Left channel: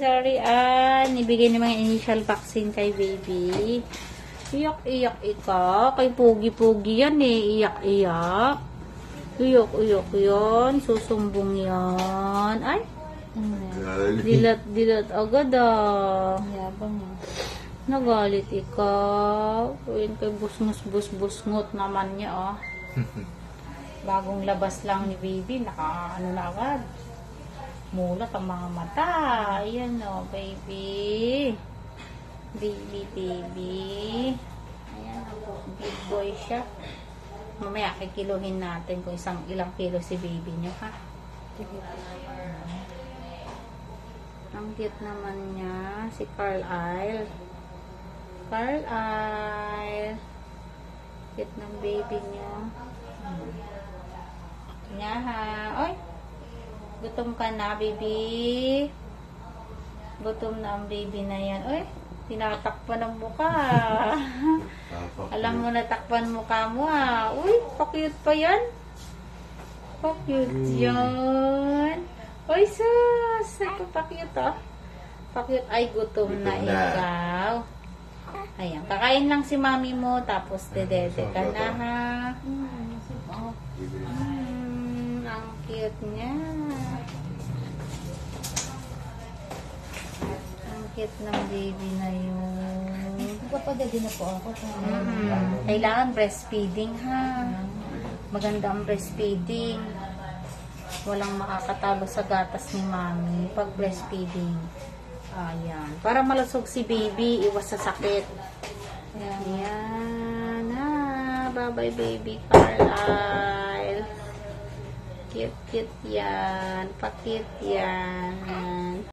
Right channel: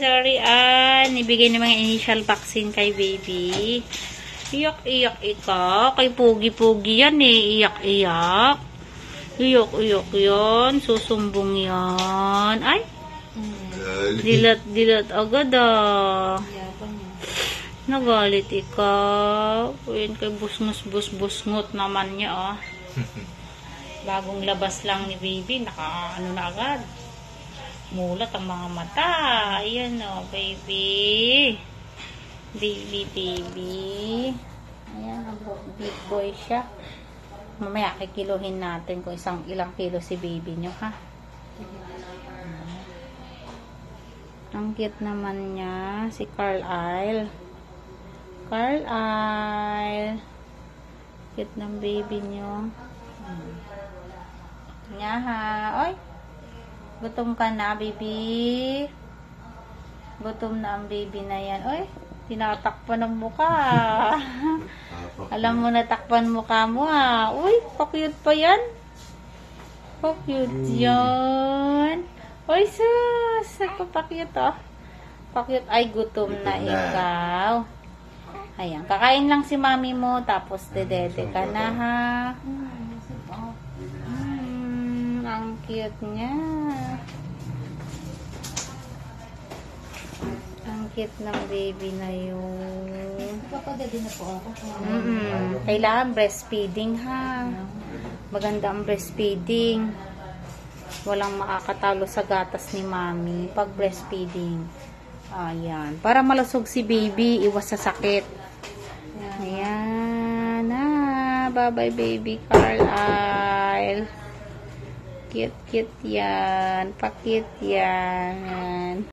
Sorry, nibigay ng mga initial vaccine kay baby. Iyak-iyak ika. Kay pugi-pugi yan eh. Iyak-iyak. Iyak-iyak yan. Susumbong yan. Ay! Dilat-dilat agad Nagalit ikaw. Ayan kay busngot naman niya Bagong labas lang ni baby. Naka-ano na agad. Mulat ang mga mata. Ayan baby. Baby. Ayan, big boy siya. Mamaya kikiluhin natin kung ilang kilo si baby nyo, ha? Ang cute naman niya. Si Carlisle. Cute ng baby nyo. Nya ha. Oy! Gutom ka na, baby. Gutom na ang baby na yan. Oy, tinatakpan ng mukha. Alam mo na takpan mukha mo Uy, pa-cute pa yan. Pa-cute yan. Oy, sus. Pa-cute Pa-cute. Ay, gutom na ikaw. Ayan, kakain lang si mami mo. Tapos dedede ka na ha. Ang cute niya. Ang cute ng baby na yun. Papadali na po ako. Kailangan breastfeeding ha. Maganda ang breastfeeding. Walang makakatalo sa gatas ni mami pag breastfeeding. Ayan. Para malusog si baby, iwas sa sakit. Ayan. Bye-bye baby Carlisle. Cute yan. Pa-cute yan.